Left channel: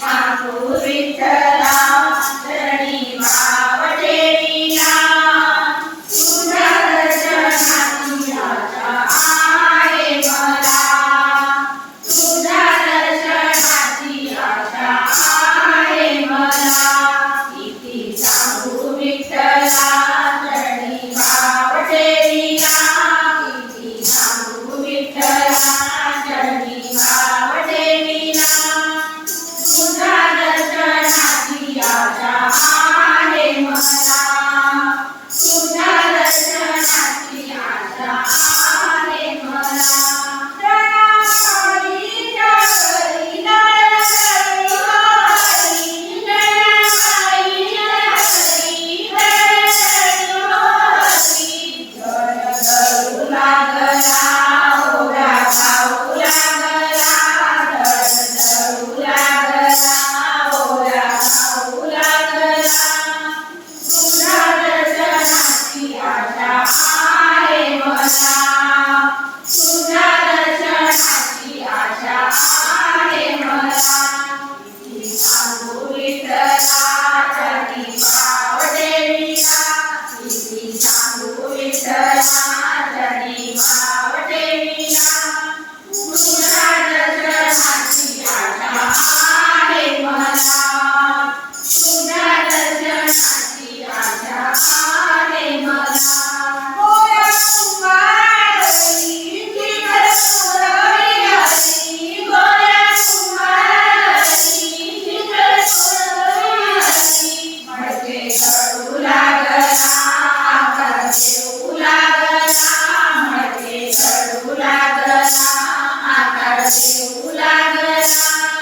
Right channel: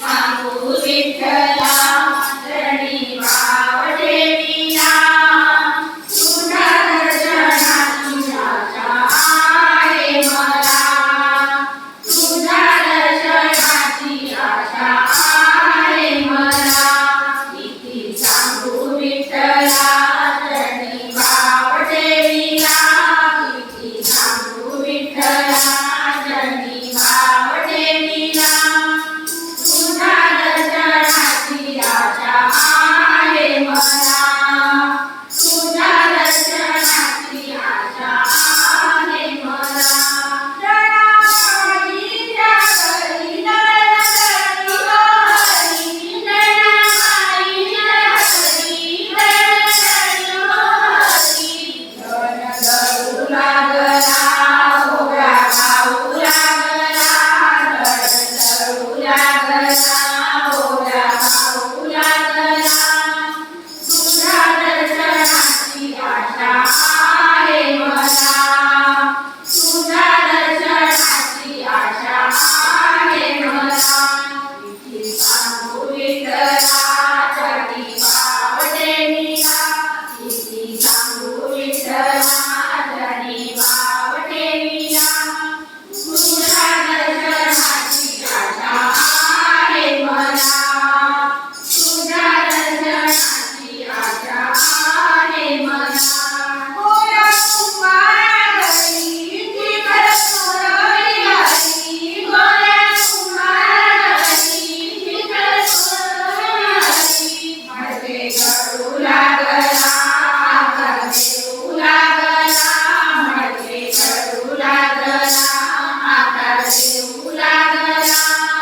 सांगू Pythagoras.